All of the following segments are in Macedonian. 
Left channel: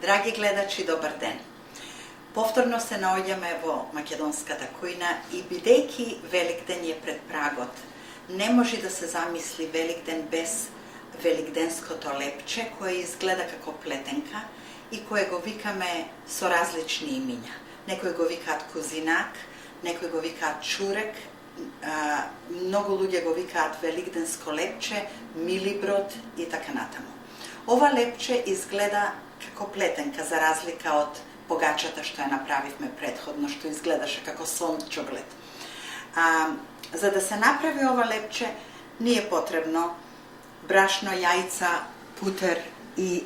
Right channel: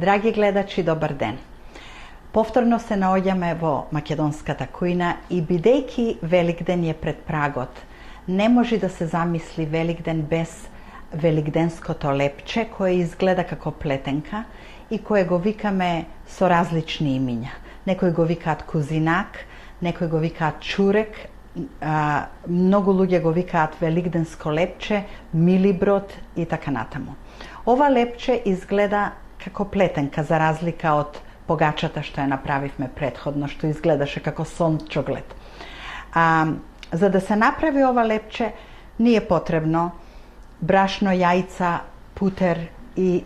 Драги гледачи, добар ден! Повторно се наоѓаме во македонската кујна и бидејќи Великден е пред прагот, не може да се замисли Великден без великденското лепче кое изгледа како плетенка и кое го викаме со различни имиња. Некои го викаат кузинак, некои го викаат чурек, многу луѓе го викаат великденско лепче, милиброд и така натаму. Ова лепче изгледа како плетенка за разлика од погачата што ја направивме претходно, што изгледаше како сончоглед. За да се направи ова лепче, ни е потребно брашно, јајца, путер и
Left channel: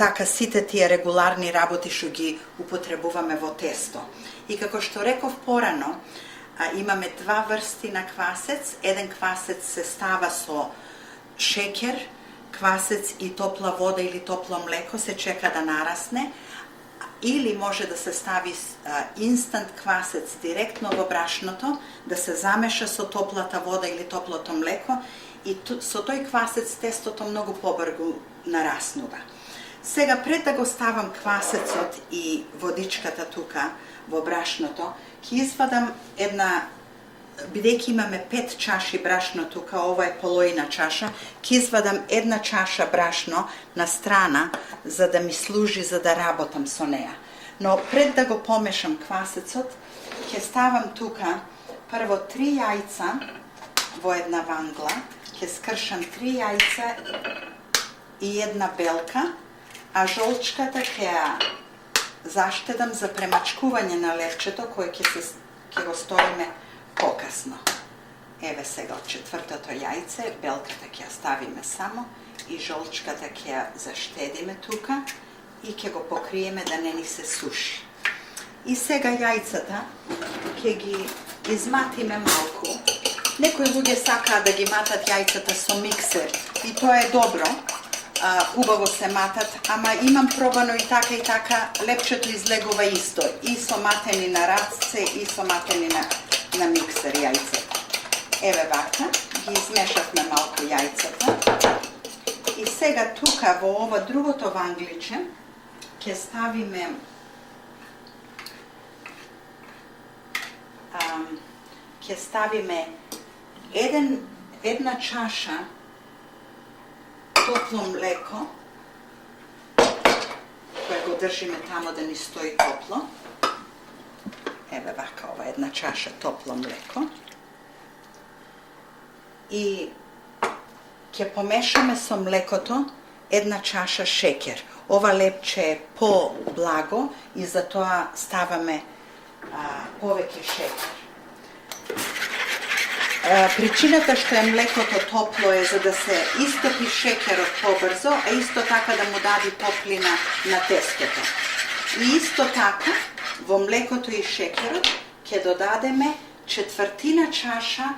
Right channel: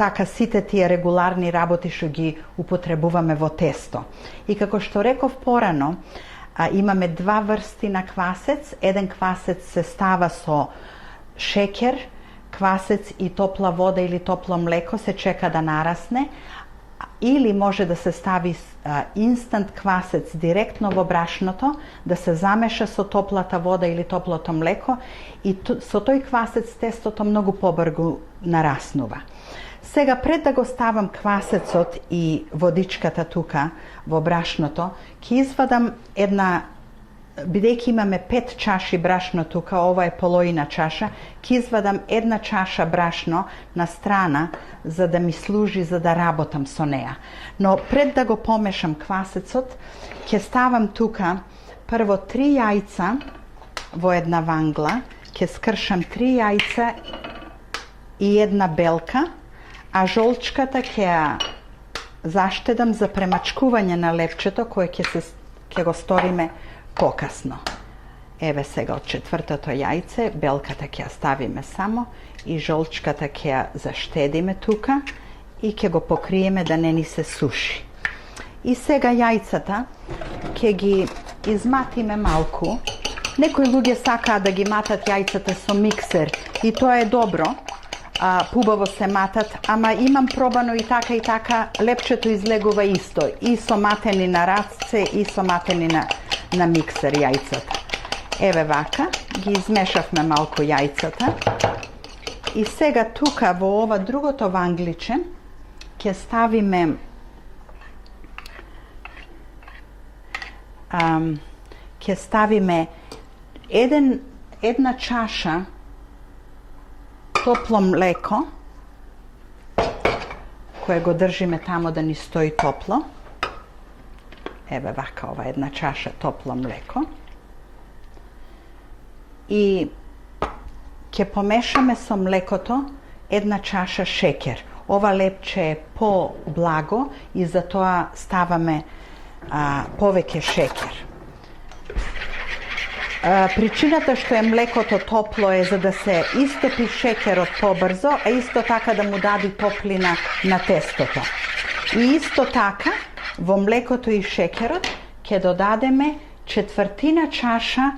така сите тие регуларни работи што ги употребуваме во тесто. И како што реков порано, имаме два врсти на квасец. Еден квасец се става со шеќер, квасец и топла вода или топло млеко се чека да нарасне, или може да се стави инстант квасец директно во брашното, да се замеша со топлата вода или топлото млеко и со тој квасец тестото многу побрзо нараснува. Сега пред да го ставам квасецот и водичката тука во брашното, ќе извадам бидејќи имаме 5 чаши брашно тука, ова е половина чаша, ќе извадам една чаша брашно на страна за да ми служи за да работам со неа. Но пред да го помешам квасецот, ќе ставам тука прво 3 јајца во една вангла, ќе скршам 3 јајца и една белка, а жолчката ќе ја заштедам за премачкување на лепчето кое ќе го сториме покасно. Еве сега од четвртото јајце, белката ќе ја ставиме само и жолчката ќе ја заштедиме тука и ќе го покриеме да не ни се суши. И сега јајцата ќе ги изматиме малку. Некои луѓе сакаат да ги матат јајцата со миксер и тоа е добро. Пубаво се матат, ама имам пробано и така, лепчето излегува исто, и со матени на рацце, и со матени на миксер јајцата. Еве вака, ги измешавме малку јајцата. И сега тука во ова другото вангличе ќе ставиме една чаша топло млеко, кое го држиме тамо да ни стои топло. Еве вака, ова една чаша топло млеко. И ќе помешаме со млекото една чаша шеќер. Ова лепче е по-благо и затоа ставаме повеќе шеќер. Причината што е млекото топло е за да се истопи шеќерот побрзо, а исто така да му даде топлина на тестото. И исто така во млекото и шеќерот ќе додадеме четвртина чаша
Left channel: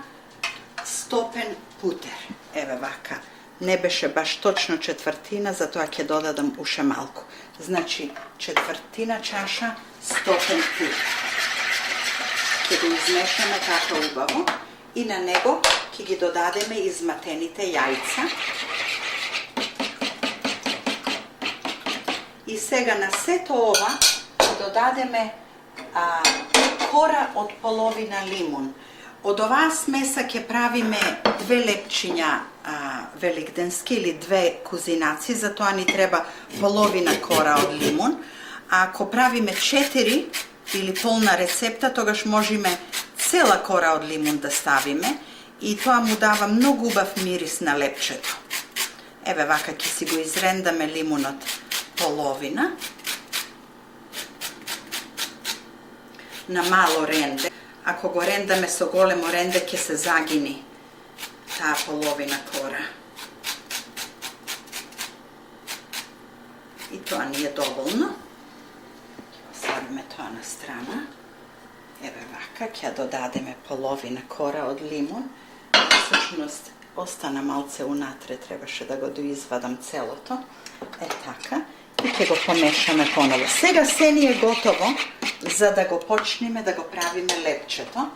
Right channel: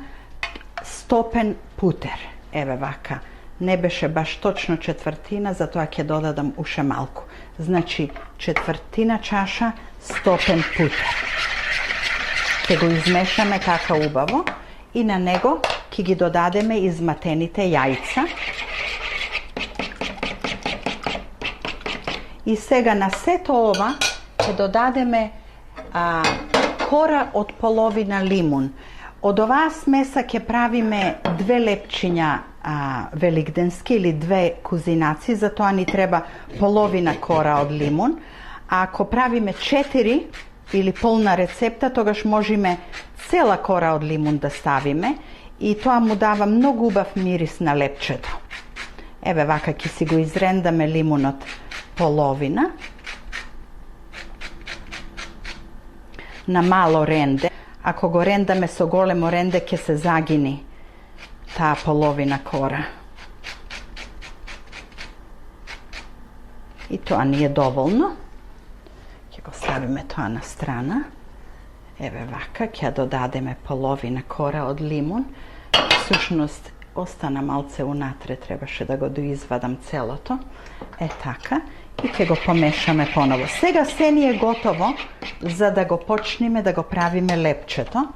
стопен путер. Еве вака. Не беше баш точно четвртина, затоа ќе додадам уште малку. Значи четвртина чаша стопен путер. Ќе го измешаме така убаво. И на него ќе ги додадеме изматените јајца. И сега на сето ова ќе додадеме кора од половина лимун. Од оваа смеса ќе правиме 2 лепчиња великденски или 2 кузинаци, затоа ни треба половина кора од лимун. А ако правиме 4 или полна рецепта, тогаш можеме цела кора од лимун да ставиме и тоа му дава многу убав мирис на лепчето. Еве вака ќе си го изрендаме лимунот половина на мало ренде. Ако го рендаме со големо ренде ќе се загини таа половина кора. И тоа ни е доволно. Ќе го ставиме тоа на страна. Еве вака, ќе додадеме половина кора од лимун. Всушност, остана малце унатре, требаше да го доизвадам целото. Е така. И ќе го помешаме поново. Сега се ни е готово за да го почнеме да го правиме лепчето.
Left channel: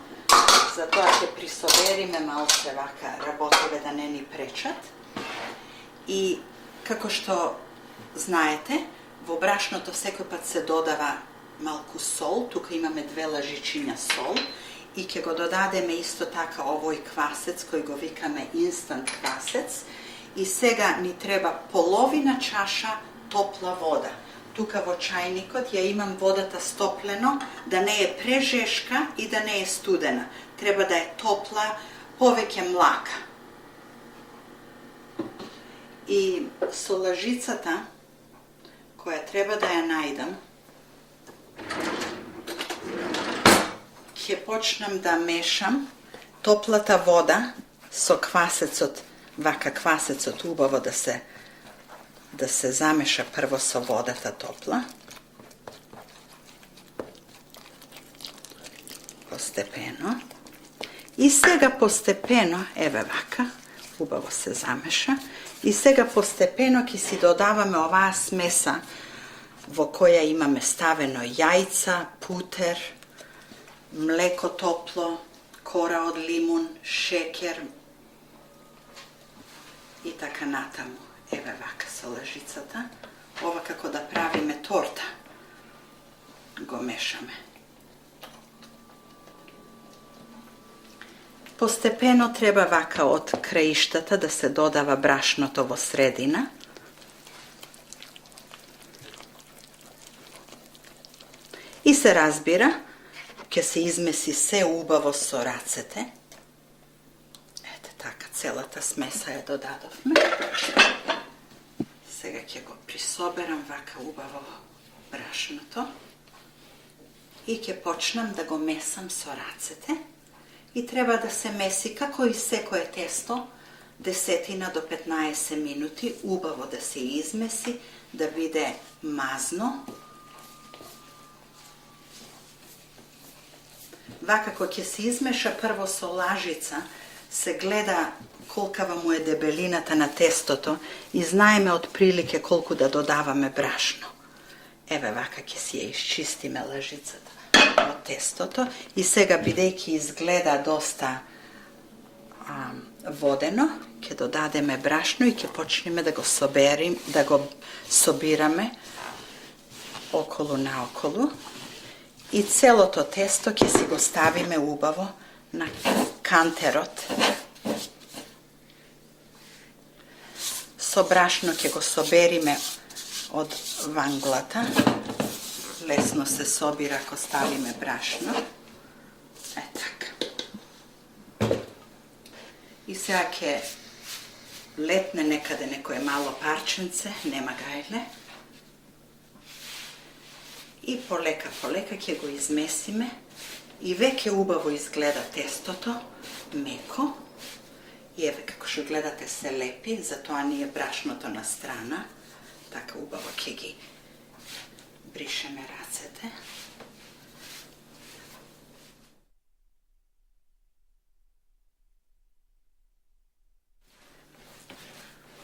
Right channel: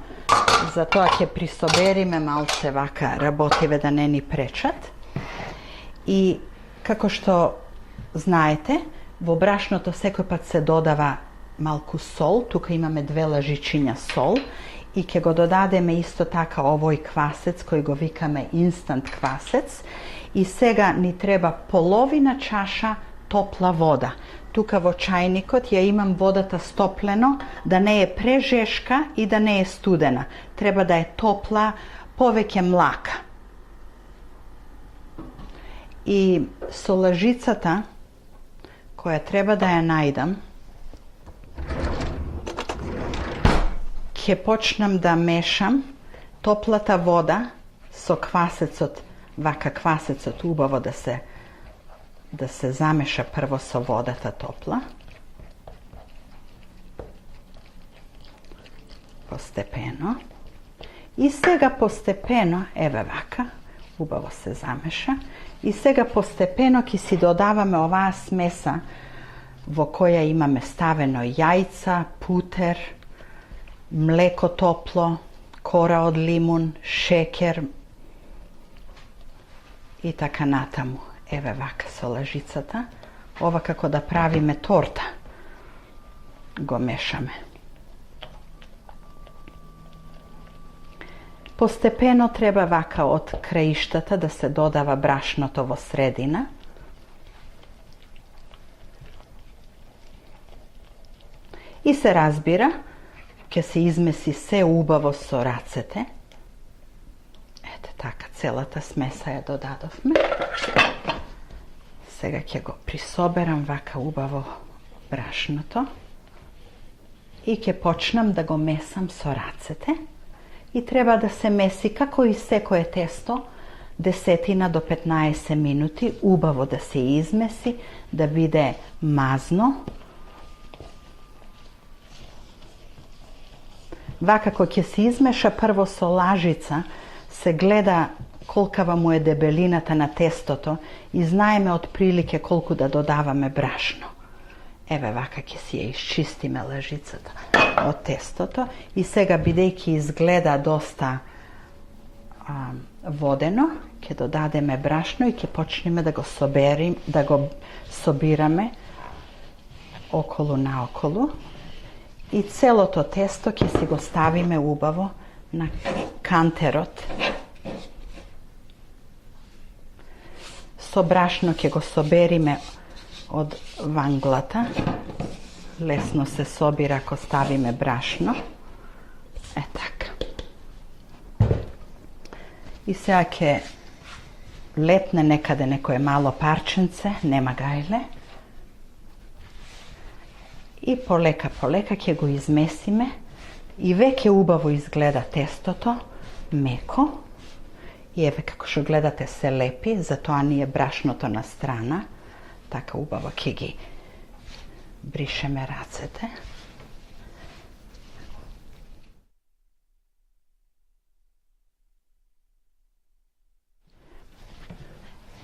Затоа ќе присобериме малце вака работиве да не ни пречат. И како што знаете, Во брашното секој пат се додава малку сол, тука имаме 2 лажичиња сол и ќе го додадеме исто така овој квасец кој го викаме инстант квасец и сега ни треба половина чаша топла вода. Тука во чајникот ја имам водата стоплено, да не е прежешка и да не е студена. Треба да е топла, повеќе млака. И со лажицата, која треба да ја најдам, ќе почнам да мешам топлата вода со квасецот, вака квасецот убаво да се замеша прво со водата топла. Постепено. И сега постепено, еве вака, убаво се замеша. И сега постепено ќе си додаваме оваа смеса во која имаме ставено јајца, путер, млеко топло, кора од лимун, шекер и така натаму. Еве вака со лажицата. Ова како да правиме торта. Го мешаме. Постепено треба вака од краиштата да се додава брашното во средина. И се разбира, ќе се измеси се убаво со рацете. Ете така, целата смеса ја додадовме. Сега ќе го присоберам вака убаво брашното и ќе почнам да го месам со рацете. И треба да се меси како и секое тесто 10 до 15 минути, убаво да се измеси, да биде мазно. Вака кога ќе се измеша прво со лажица, се гледа колкава му е дебелината на тестото и знаеме од прилике колку да додаваме брашно. Еве вака ќе си ја исчистиме лажицата од тестото и сега бидејќи изгледа доста водено, ќе додадеме брашно и ќе почнеме да го собираме околу наоколу и целото тесто ќе си го ставиме убаво на кантерот. Со брашно ќе го собериме од ванглата. Лесно се собира ако ставиме брашно. Е така. И сега ќе летне некаде некое мало парченце, нема гајле. И полека ќе го измесиме и веќе убаво изгледа тестото, меко. И еве како што гледате се лепи, затоа ни е брашното на страна. Така убаво ќе ги бришеме рацете.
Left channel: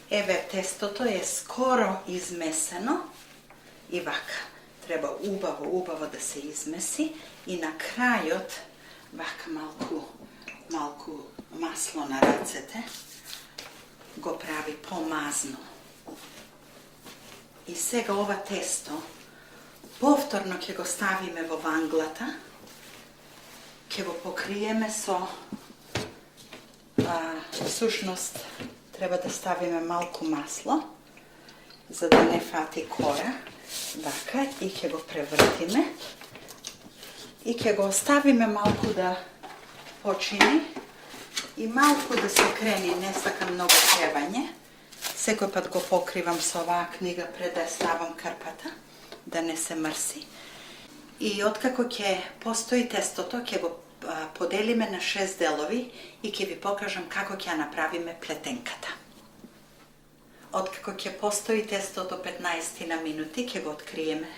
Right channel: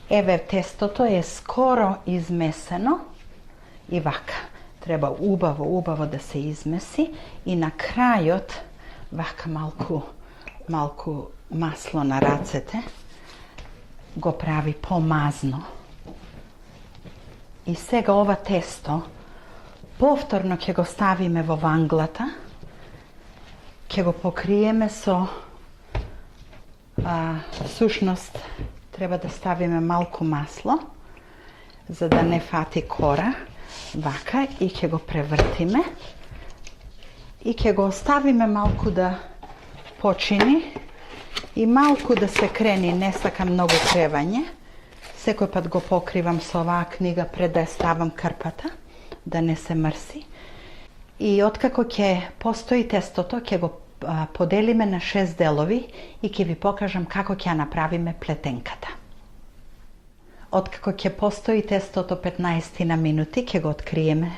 Еве тестото е скоро измесено и вака. Треба убаво да се измеси и на крајот вака малку масло на рацете го прави помазно. И сега ова тесто повторно ќе го ставиме во ванглата, ќе го покриеме со сушност треба да ставиме малку масло за да не фати кора, вака, и ќе го превртиме и ќе го оставиме малку да почини и малку да се крени, не сакам многу кревање. Секој пат го покривам со оваа книга пред да ја ставам крпата, да не се мрси. И откако ќе постои тестото, ќе го поделиме на 6 делови и ќе ви покажам како ќе ја направиме плетенката. Откако ќе постои тестото 15 на минути, ќе го откриеме,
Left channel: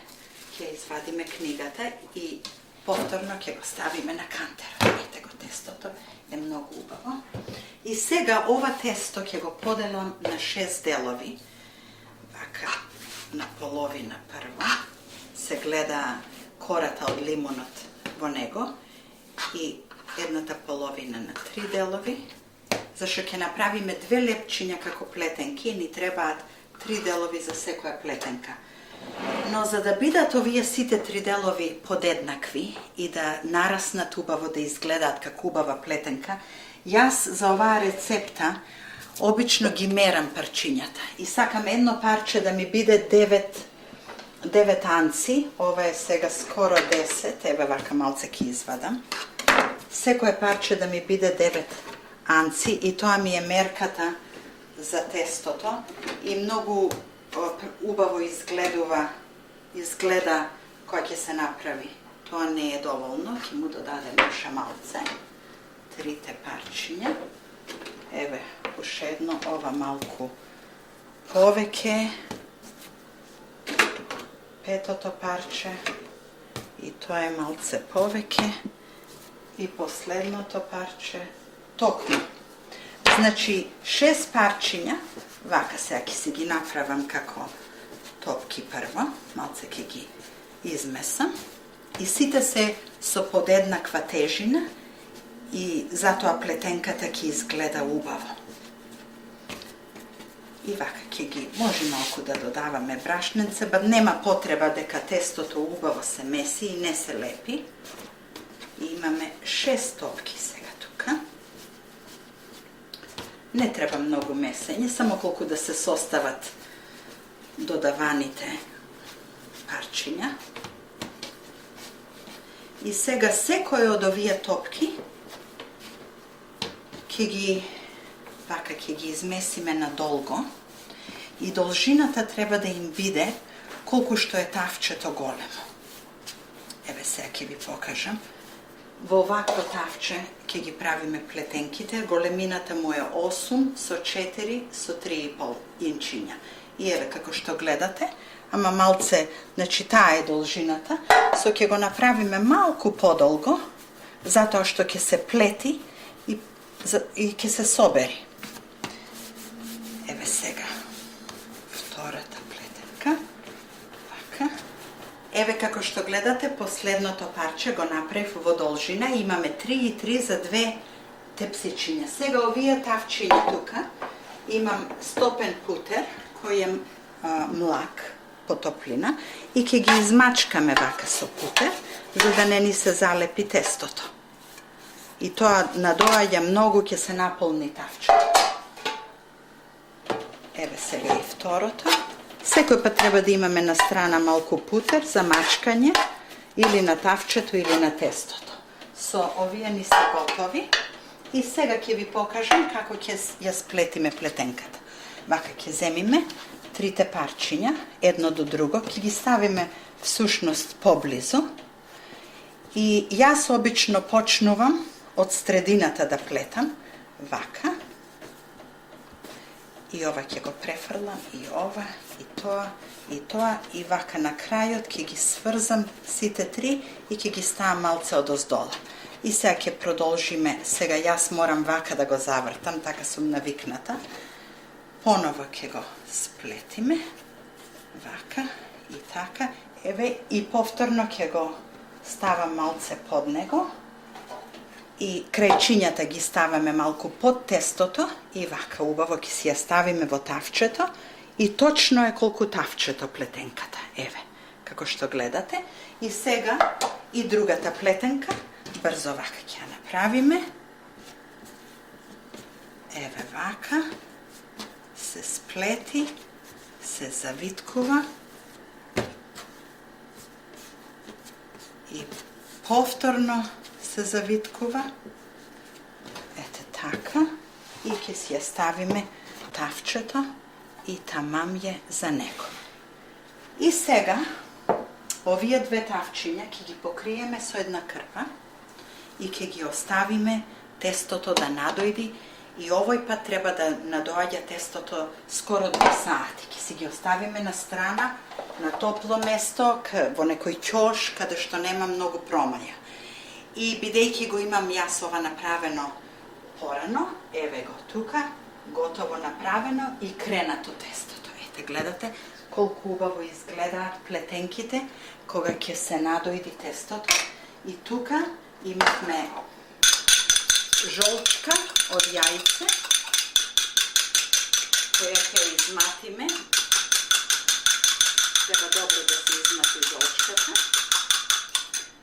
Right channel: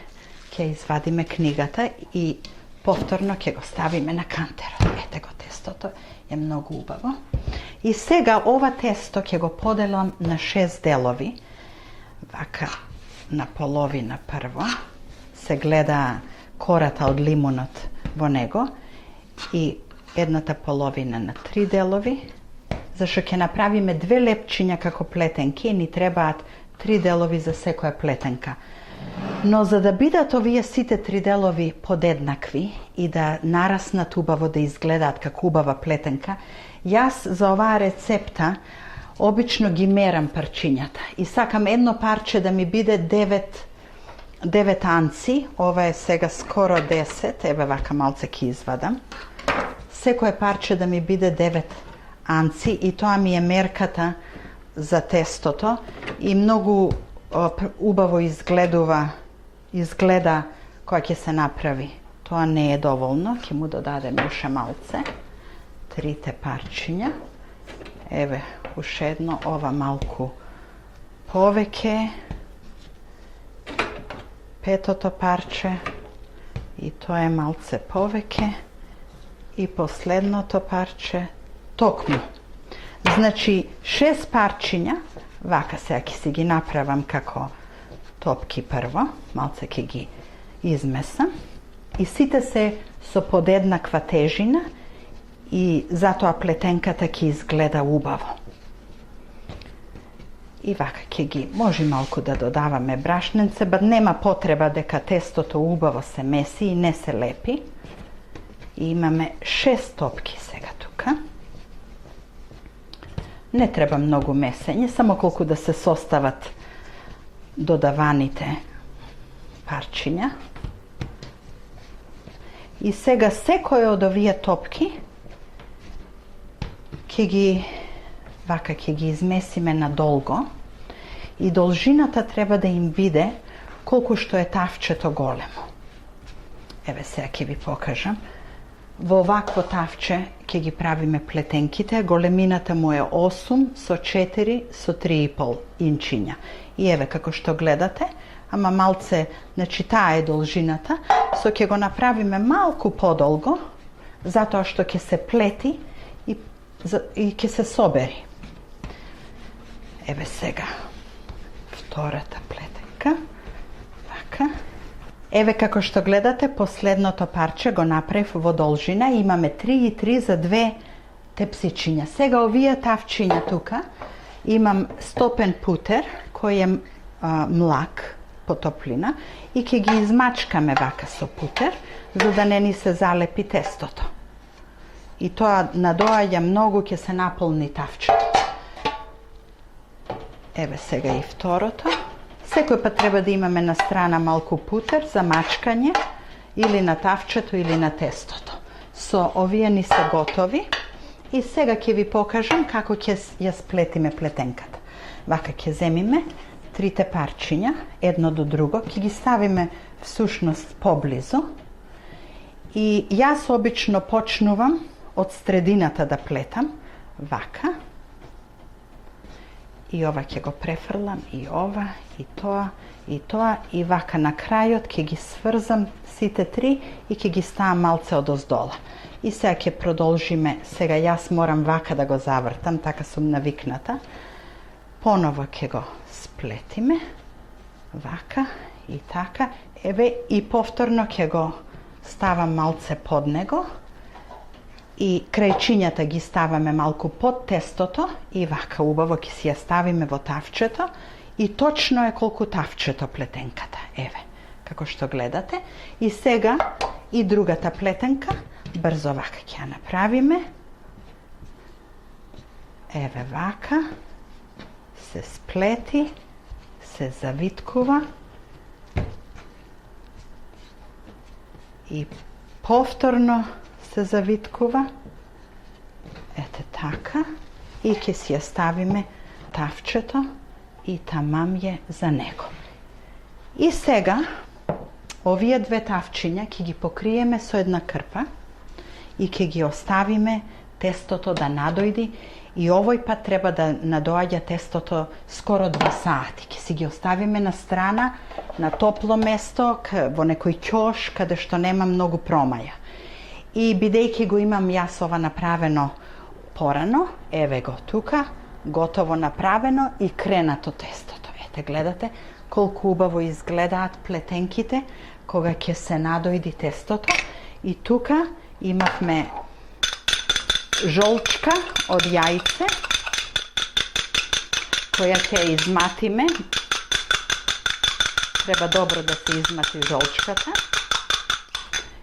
ќе извадиме книгата и повторно ќе го ставиме на кантерот. Ете го тестото, е многу убаво. И сега ова тесто ќе го поделам на 6 делови. Вака на половина прво. Се гледа кората од лимунот во него. И едната половина на 3 делови. Зашто ќе направиме 2 лепчиња како плетенки, ни требаат 3 делови за секоја плетенка. Но за да бидат овие сите три делови подеднакви и да нараснат убаво, да изгледаат како убава плетенка, јас за оваа рецепта обично ги мерам парчињата и сакам едно парче да ми биде 9 анци, ова е сега скоро 10, еве вака малце ќе извадам. Секое парче да ми биде 9 анци и тоа ми е мерката за тестото и многу убаво изгледа кога ќе се направи. Тоа не е доволно, ќе му додадем уште малце. 3 парчиња. Еве, уште едно, ова малку повеќе. 5-то парче. И тоа е малце повеќе. И последното парче. Токму. Значи, 6 парчиња. Вака сега ќе си ги направам како топки прво. Малце ќе ги измесам. И сите се со подеднаква тежина и затоа плетенката ќе изгледа убаво. И вака ќе ги, може малку да додаваме брашненце, ба нема потреба дека тестото убаво се меси и не се лепи. И имаме 6 топки сега тука. Не треба многу месење, само колку да се состават додаваните парчиња. И сега секој од овие топки ќе ги измесиме надолго и должината треба да им биде колку што е тавчето големо. Еве сега ќе ви покажам. Во овакво тавче ќе ги правиме плетенките, големината му е 8 со 4 со 3,5 инчиња. И еве како што гледате, ама малце, значи таа е должината, со ќе го направиме малку подолго, затоа што ќе се плети и ќе се собери. Еве сега втората плетенка. Вака. Еве како што гледате, последното парче го направив во должина. Имаме 3,3 за 2 тепсичиња. Сега овие тавчиња тука имам стопен путер кој е млак по топлина и ќе ги измачкаме вака со путер за да не ни се залепи тестото. И тоа надоаѓа многу, ќе се наполни тавчето. Еве сега и второто. Секој пат треба да имаме на страна малку путер за мачкање или на тавчето или на тестото. Со овие ни се готови и сега ќе ви покажам како ќе ја сплетиме плетенката. Вака ќе земиме трите парчиња, едно до друго, ќе ги ставиме всушност поблизу и јас обично почнувам од средината да плетам, вака. И ова ќе го префрлам, и ова, и тоа, и вака на крајот ќе ги сврзам сите три и ќе ги ставам малце одоздола. И сега ќе продолжиме, сега јас морам вака да го завртам, така сум навикната. Поново ќе го сплетиме, вака и така. Еве и повторно ќе го ставам малце под него. И крајчињата ги ставаме малку под тестото и вака убаво ќе си ја ставиме во тавчето и точно е колку тавчето плетенката. Еве, како што гледате. И сега и другата плетенка, брзо вака ќе ја направиме. Еве вака, се сплети, се завиткува и повторно се завиткува. Ете така. И ќе си ја ставиме тавчето и тамам е за него. И сега, овие две тавчиња ќе ги покриеме со една крпа и ќе ги оставиме тестото да надојди и овој пат треба да надоаѓа тестото скоро 2 сати. Ќе си ги оставиме на страна, на топло место, во некој ќош, каде што нема многу промаја. И бидејќи го имам јас ова направено порано, еве го тука, готово направено и кренато тестото. Ете, гледате колку убаво изгледаат плетенките кога ќе се надојди тестото. И тука имавме жолчка од јајце, која ќе ја изматиме Treba dobro da se izmати žolčkата.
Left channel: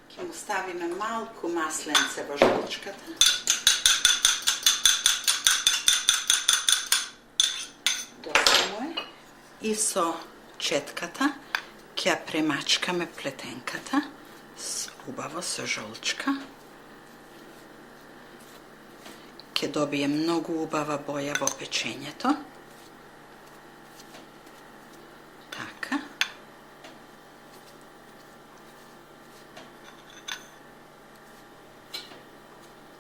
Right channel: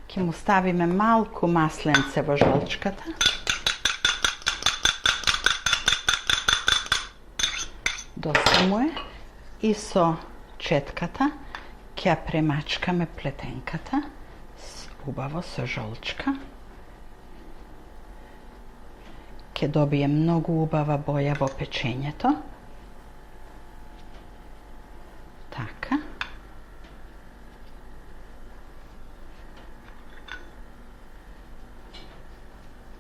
Ке му ставиме малку масленце во жолчката. Доста му е. И со четката ќе ја премачкаме плетенката убаво со жолчка. Ќе добие многу убава боја во печењето. Така.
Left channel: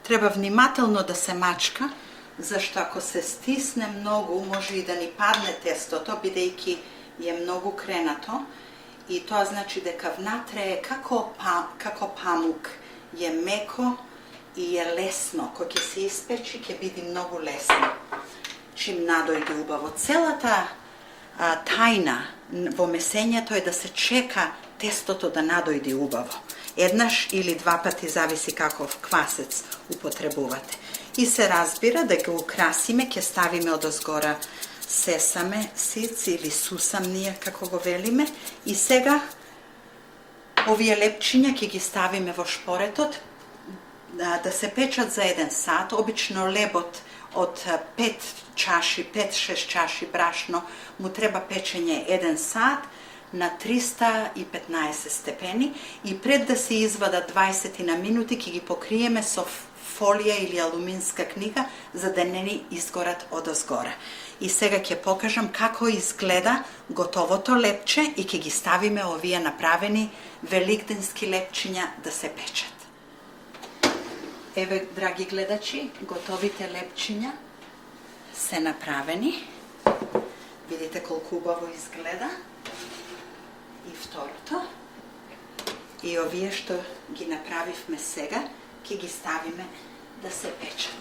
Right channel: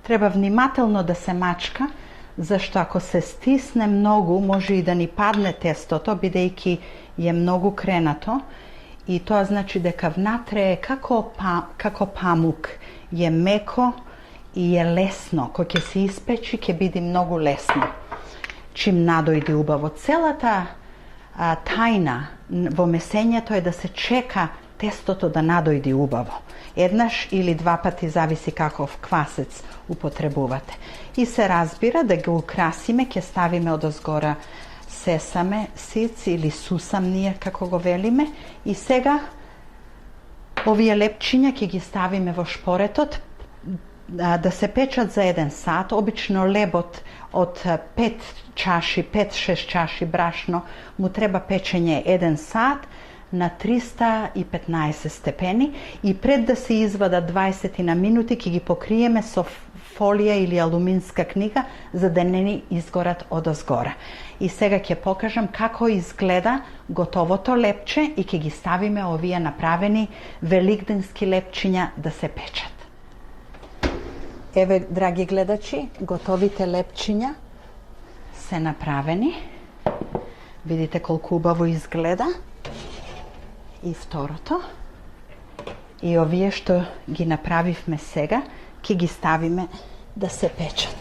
Треба внимателно да се мачка, зашто ако се стисне многу, може и да ни падне тестото, бидејќи е многу кренато. И тоа значи дека внатре е како памук. Е меко и е лесно. Кој ќе се испечи, ќе биде многу лесно. Чим надојде убаво. Целата тајна во месењето е да се чека тестото да надојде убаво. Еднаш или два пати, зависи каков квасец употребувате. И се разбира да го украсиме, ќе ставиме одозгора сесаме сиц или сусам ние како го велиме. И сега овие лепчиња ќе ги ставиме во шпоретот да се печат за 1 сат. Обично лебот од 5-6 чаши брашно му треба печење 1 сат на 315 степени и пред да се извадат 20 на минути ќе ги покриеме со фолија или алуминска книга за да не ни изгорат одозгора. И сега ќе покажам како изгледа готовото лепче и ќе ги ставиме овие направени великденски лепчиња да се печат. Еве, драги гледачи, готовите лепчиња се направени. Видите колку убаво изгледа. И второто. И овие што ги направивме сега, ќе ги ставиме да се печат.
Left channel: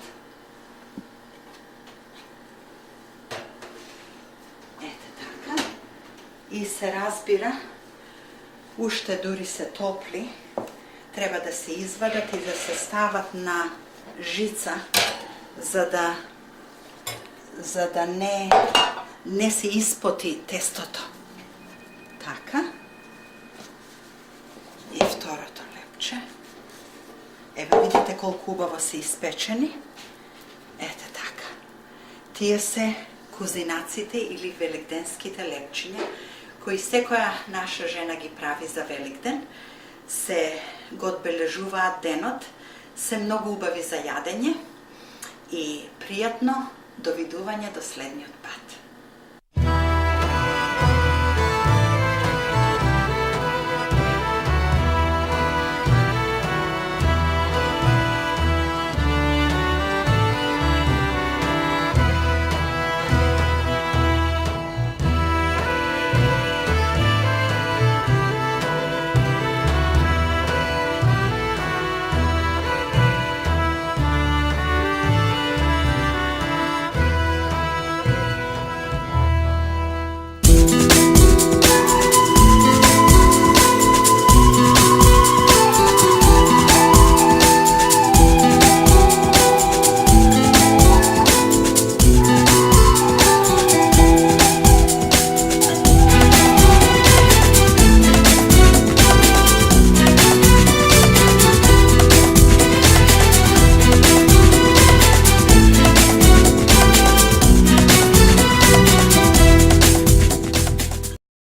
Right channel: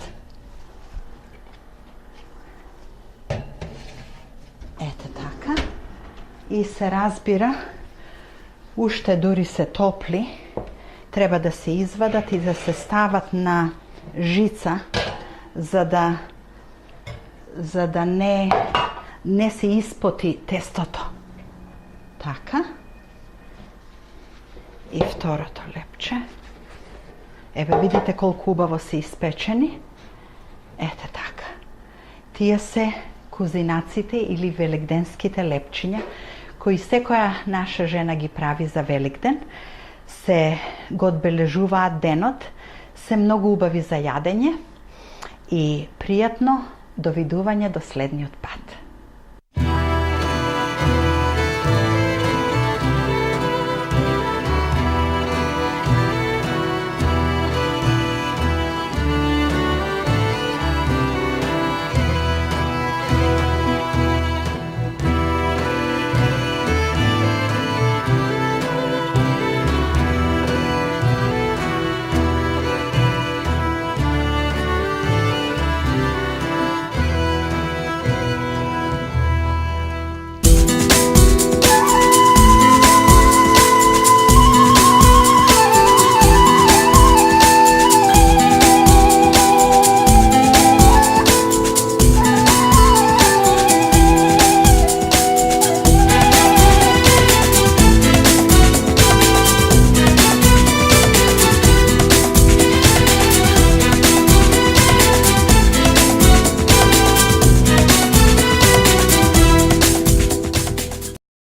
Ете така. И се разбира, уште дури се топли, треба да се извадат и да се стават на жица, за да не се испоти тестото. Така. И второто лепче. Еве видите колку убаво се испечени. Ете така. Тие се кузинаците или великденските лепчиња, кои секоја наша жена ги прави за Великден. Се го одбележуваат денот, се многу убави за јадење и пријатно довидување до следниот пат.